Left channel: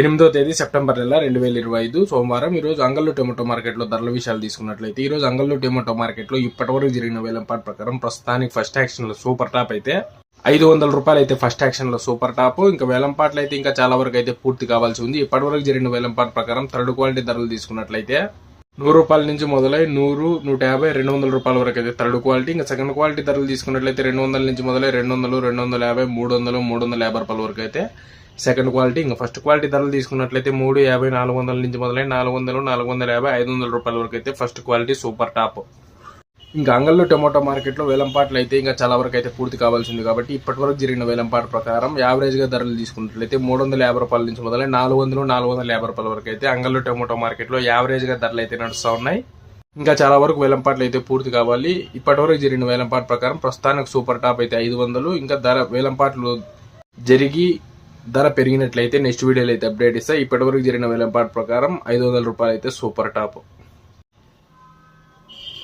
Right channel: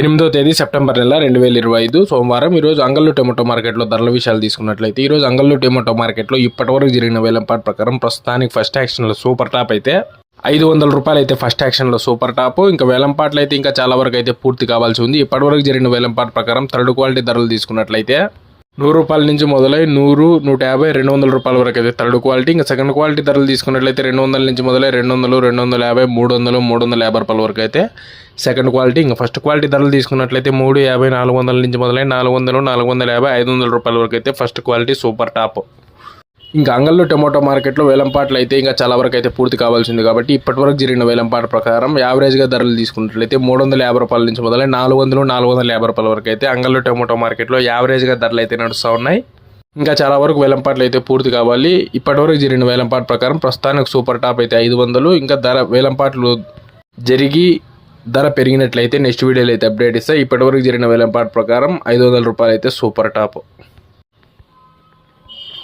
ఎనిమిదో తేదీ సెప్టెంబర్ నెల రెండు వేల ఇరవై ఐదు సోమవారం. ఈరోజు అంగళ్ళు టొమాటో మార్కెట్లో ధరల విషయాలు తీసుకున్నట్లయితే ఈరోజు అంగళ్ళు టొమాటో మార్కెట్లో ఇప్పటివరకు జరిగిన వేలంపాటు ప్రకారం ప్రస్తుతానికి ఫస్ట్ యాక్షన్లో సూపర్ టాప్ అయితే ఐదు వందల రూపాయలు అయితే ఫస్ట్ యాక్షన్లో సూపర్ టాప్. ఇంకా వేలంపాట్లు అయితే ఇంకా చాలా వరకు అయితే పూర్తి కావాల్సి ఉంది. ఇప్పటివరకు జరిగిన వేలంపాటు ప్రకారం థర్డ్ క్వాలిటీ ధరలు తీసుకున్నట్లయితే నూరు రూపాయల నుంచి మొదలై నూరు నూట యాభై రెండు వందల రూపాయల వరకు అయితే థర్డ్ క్వాలిటీ. ఇంకా సెకండ్ క్వాలిటీ ధరలు తీసుకున్నట్లయితే రెండు వందల నుంచి మొదలై రెండు వందలు రెండు వందల యాభై మూడు వందలు మూడు వందల యాభై రూపాయల వరకు అయితే సెకండ్ క్వాలిటీ. ఇంకా ఫస్ట్ క్వాలిటీ ధరలు తీసుకున్నట్లయితే మూడు యాభై నాలుగు వందల నుంచి మొదలై నాలుగు వందలు నాలుగు వందల యాభై ఐదు వందల రూపాయల వరకు అయితే ఫస్ట్ క్వాలిటీ సూపర్ టాప్. ఇంకా అంగళ్ళు టొమాటో మార్కెట్లో వేలంపాట్లు అయితే ఇంకా చాలా వరకు అయితే పూర్తి కావాల్సింది కాబట్టి ఇప్పటివరకు జరిగిన వేలంపాట ప్రకారం యావరేజ్గా ధరలు తీసుకున్నట్లయితే మూడు వందల యాభై రూపాయల నుంచి మొదలై నాలుగు వందలు నాలుగు వందల యాభై రూపాయల వరకు అయితే అంగళ్ళు టొమాటో మార్కెట్లో యావరేజ్గా ధరలు అయితే నడుస్తూ ఉన్నాయి. ఇంకా చాలా వరకు వేలంపాట్లు అయితే పూర్తి కావాలి. ఇప్పటివరకు జరిగిన వేలంపాట ప్రకారం ప్రస్తుతానికి సూపర్ టాప్ అయితే ఐదు వందలు. ఇంకా ధర వేలంపాట్లు జరిగి ధర పెరిగినట్లయితే నెక్స్ట్ వీడియోలో అయితే అప్డేట్ ఇస్తాయి ఇప్పటివరకు జరిగిన వేలంపాట ప్రకారం ఐదు వందల రూపాయలు అయితే సూపర్ టాప్.